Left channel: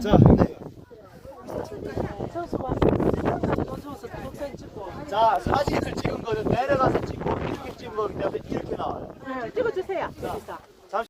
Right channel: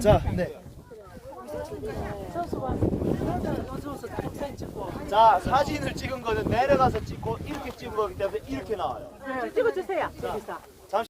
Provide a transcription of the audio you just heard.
자, 네. 자, 사진을 찍은 거는 내려가서 찍고 이렇게 찍은 거기 때문에 이렇게 나와요. 찍어주세요. 자,